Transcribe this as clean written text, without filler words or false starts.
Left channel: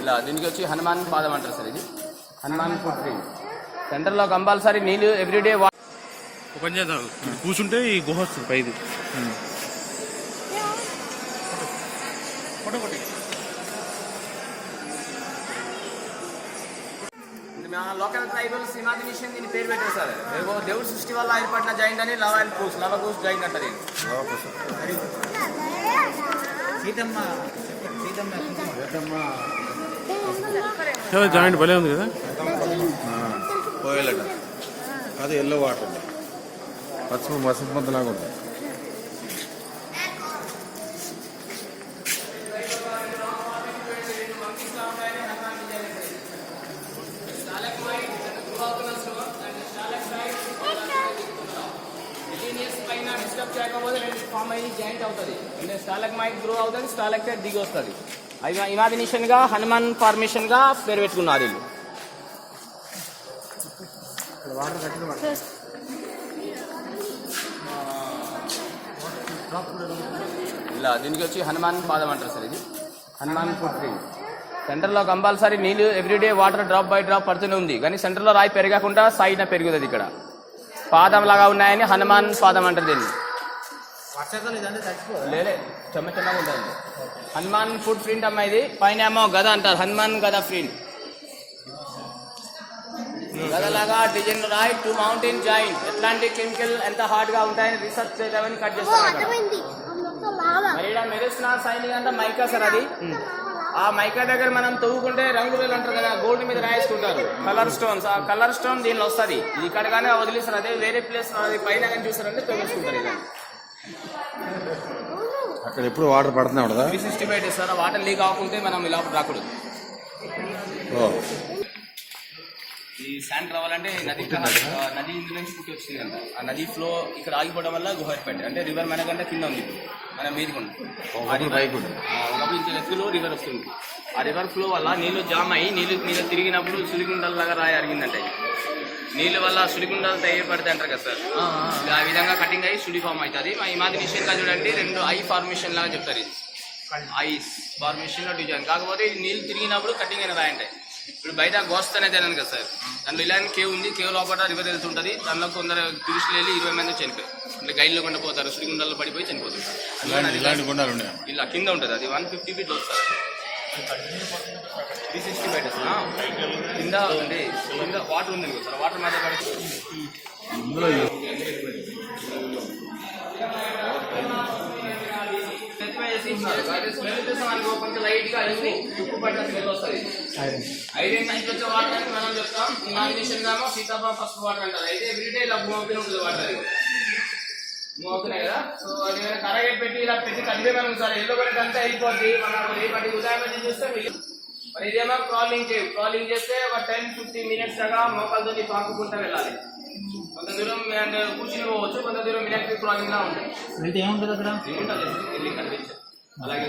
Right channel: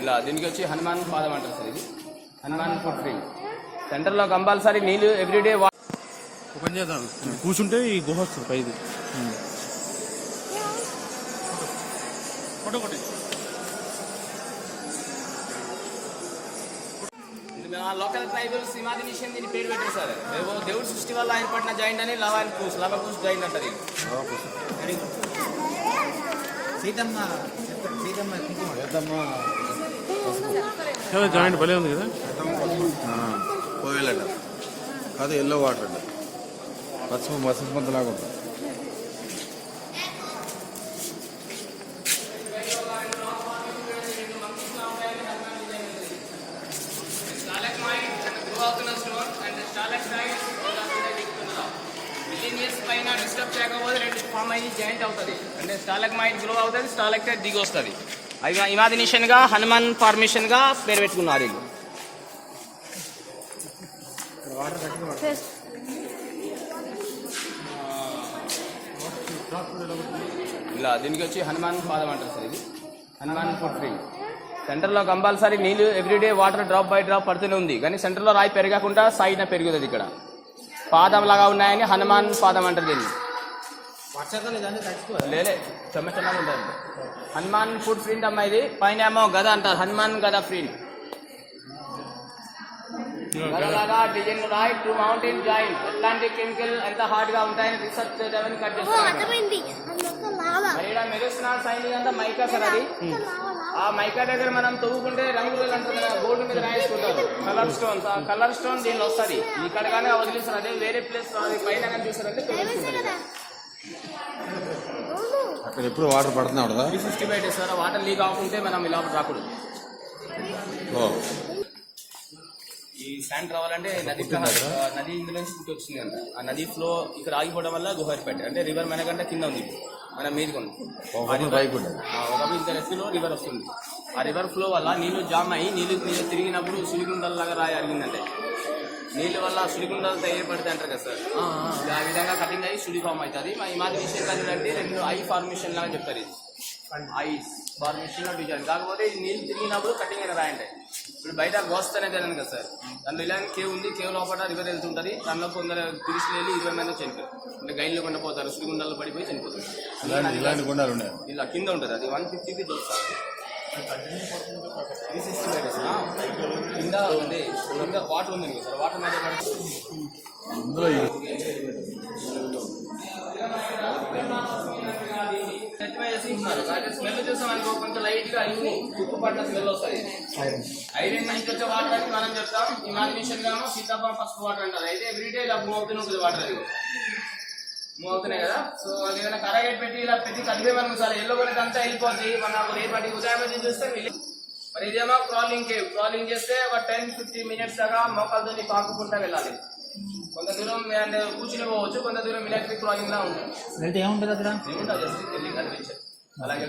ఇలా దీనికి వచ్చి హనుమాన్ పాదం అంటారు సార్. ఇది హనుమాన్ ఫుట్ ట్రీ. సెంటర్లో కంపల్సరీ నీళ్ళు ఎవ్రీడే ఓపెన్ చేద్దాం. కూర్చుంటే ఈ గుహ వస్తుంది పైది. లోకల్ ట్రైబల్స్ హిమాది మిషన్ దీని పేరు పెట్టారు సార్. దేవుడి సృష్టి వల్ల ఏర్పడిన జాయింట్ అని లవ్ అండ్ కూస్ జాయింట్ అంటారు. జాయింట్ భలే ఉంది కదా. కోయలట అది ఎల్లో వాటర్ అండి. పసుపు లాగా ఉంది. జాయింట్ అవుతుంది అంటే స్టాలగ్మైట్ గ్రో అవుతుంది, స్టాలక్టైట్ దిగి వస్తుంది. అవి ఇమాజినేషన్ గా హనుమాన్ ఫార్మేషన్ గా పేరు పెట్టుకున్నారు వీళ్ళు. ఇలా దీనికి వచ్చి హనుమాన్ పాదం అంటారు సార్. ఇది హనుమాన్ ఫుట్ ట్రీ. సెంటర్లో కంపల్సరీ నీళ్ళు everyday water drop by drop పడుతూనే ఉంది, కానీ సెంటర్లో రాయి పెరగకుండా సైడ్న పెరుగుతుంది. ఇక్కడ పాదం లాగా ఉన్నాయని హనుమాన్ పాదం అంటారు దీన్ని. లేలే చెమ్మ చెమ్మగా ఉంటుంది. హనుమాన్ ఫుట్ ప్రింట్ అమ్మా ఇది. పైన ఏమో గద అంటారు, హనుమాన్ గద ప్రింట్. గదలాగా డిజైన్ రాయి టు మౌంటైన్ జాయింట్. ఎట్లాంటి కెమికల్ ఎంత హార్డ్ గా ఉంటాయని రీసెర్చ్ చేయడానికి కట్ చేస్తారు. మెరుస్తున్న సైనింగ్ అంతా మైకా సార్. అది ఆ మైకా దగ్గర మనం తవ్వుకుంటే రంగులు అంటారు కదా, గోల్డ్ మీద రాయించుకుంటారు కలర్ స్టోన్స్. ఆ కలర్ స్టోన్ దీనిలో వస్తుంది. ఇక్కడ కానీ వదిలేస్తారు. అదే వేరే ప్లేస్ అది పైన కానీ చూస్తారంటే తెలుసుకుంటారు. అక్కడ ఎప్పుడు వాటర్ పడుతున్నాడు కదా. 365 డేస్ సార్. వాటర్ లీక్ అవ్వకుంటే మనం ఇలా రాకూడదు. ఈ శాండ్ రావాలంటే నది ఇందు నుంచి పుట్టి వచ్చింది కదా. ఆ నది ఫ్లో ఇక్కడ ఆగిపోవడం వల్ల గుహ ఏర్పడ్డాయి. అంటే రివర్ మనకంటే కింద ఉంది, మనం మీది ఫ్లో రివర్ వస్తుంది. ఆ రివర్ ఫ్లో వల్ల నీళ్లు జామ్ అయ్యి నీళ్ళు మీద తిరిగినప్పుడు సులిగుండల్లాగా రాయి అరిగిందంటే నీళ్ళ వల్ల సుడిగుండాలు తయారుపడతాయి అంటారు కదా సార్. ఆ విధంగా కటింగ్ అయ్యి సుడి ఫామ్ అవుతుంది. మా ఇమాజినేషన్ గా చూడండి రెండు ఐ ఫార్మేషన్ లాగా చెప్తారు. ఇది ఐస్ ఫార్మేషన్ లో డిజైన్. కాకపోతే ఇది నీళ్ళు తిరిగినప్పుడు కటింగ్ అయిన రాయి ఉంటాయి. ఇప్పుడు బయట గోస్ట్ అనేది తినాను కదా సార్. దాంట్లో ఇలాంటి కేవ్ ఉంది. కేవ్ లోపల రివర్ వెళ్తుంటుంది. దానిలో కొందరు టూరిస్టులు వెళ్ళి 20 మంది చనిపోయి అంటే గైడ్లో కొండ పోతారు. సుడిగుండాల్లో పడిపోయి చనిపోతారు. ఇలా కింద ఉంటుంది. అది 150 feet వస్తుంది. 365 డేస్ కింద ఉంది. కింద వాటర్ ఉంది సార్. వాటర్ మధ్య పడి కొంచెం లైట్ గా తుప్పు పడిన స్మెల్ వస్తుంది. ఐరన్ నుంచి వచ్చే వాటర్ అని మనం చెప్తాం. ఇమాజినేషన్ గా సీతాఫలం ఫస్ట్ వాటర్ అంటారు. అయితే ఎవ్రీడే ఇలా మూవ్ అవుతూనే ఉంటుంది వాటర్. అది మూవ్ అవుతున్నాయి కదా. సో అది ఏదైనా కరాగేట్ పెట్టి ఇలా పెట్టి కలిపే మనం సార్ ఎల్లో పడేది అంతా అయిపోద్ది. మనం రేపటి ఉదయం చూస్తే మరి ఇదేమో క్రాలింగ్ కేవ్. క్రాలింగ్ చేస్తే ఒక 10-15 minutes దాకా మోకాలతో పాకుకుంటా వెళ్ళాలి. కొంత దూరం అంటే కూర్చుని పోవచ్చు, కొంత దూరం మిలిటరీ క్రాలింగ్ లా ఉంటుంది. ఏముంటుంది అక్కడ? ఏముంటుంది అలాగే